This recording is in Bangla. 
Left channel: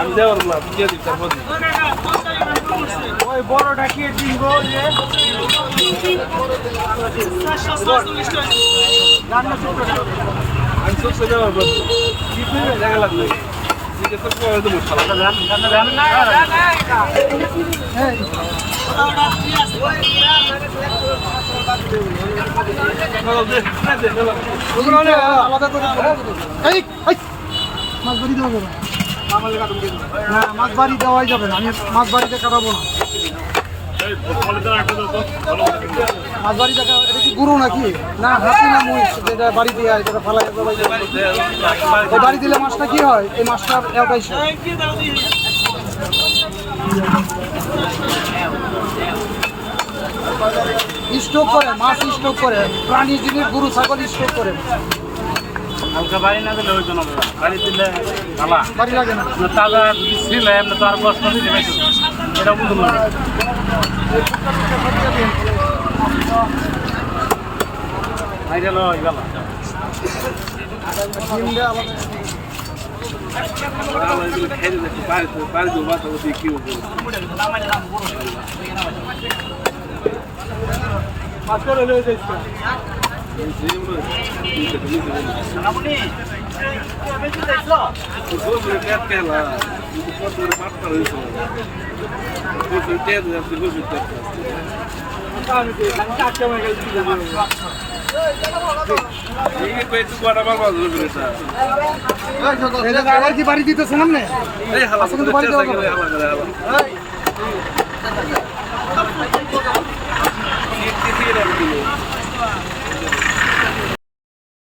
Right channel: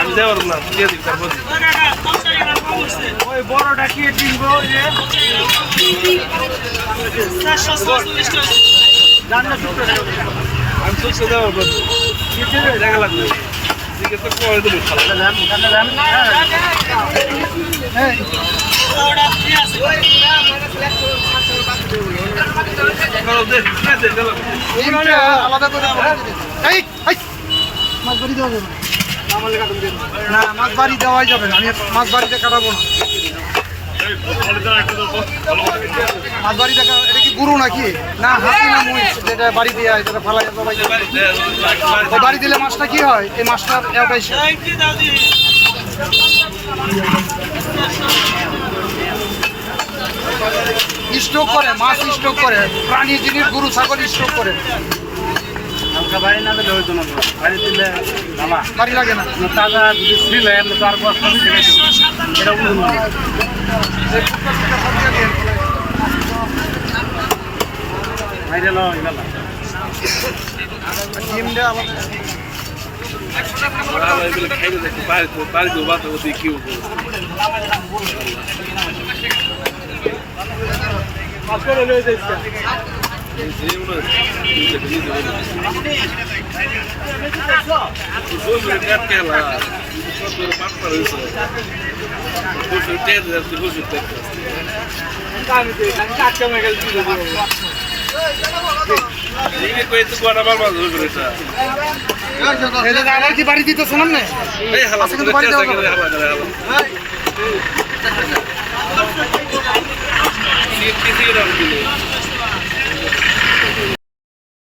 আমি দেওয়ার না দিয়ে দিই তারপর ওই বড়টা কি কিনবো আমি চোখে দেওয়ার পর দেখা লাগবে দিকে তো পরে দেবো আলাদা করে মাছ বাড়ি দেওয়া যাবে না, মাছ বাড়ি দেওয়াই যাবে না, আমি মাছ বাড়িতে কাটাবো না। মাছ বাড়ি দেখা এটা কি গুরু নাকি না হাতি না মহিষ যেটা বাড়ি দিয়ে এটা ফালাই সবাই ওই বাড়ি দিলে মাছটা কি হয় এই মাছটার এটাই স্ট্রোক করে মাছ স্ট্রোক করে প্রাণী জিনিস গরু ছাগল স্ট্রোক করে হালকা বাড়ি না দিলে ওই জন্য বাড়ি দিলে ভালো বাড়ি লাগে না তাজা যদি ছিল এমনি তো আর কষ্ট এটা বুঝুন বাইরে লয় গেল ডিম দেওয়া আলাদা বাড়ি দেবো বাতা কি আবার কি বাড়ি দিতেছে না আচ্ছা কিন্তু বাড়ি দেওয়া যাবে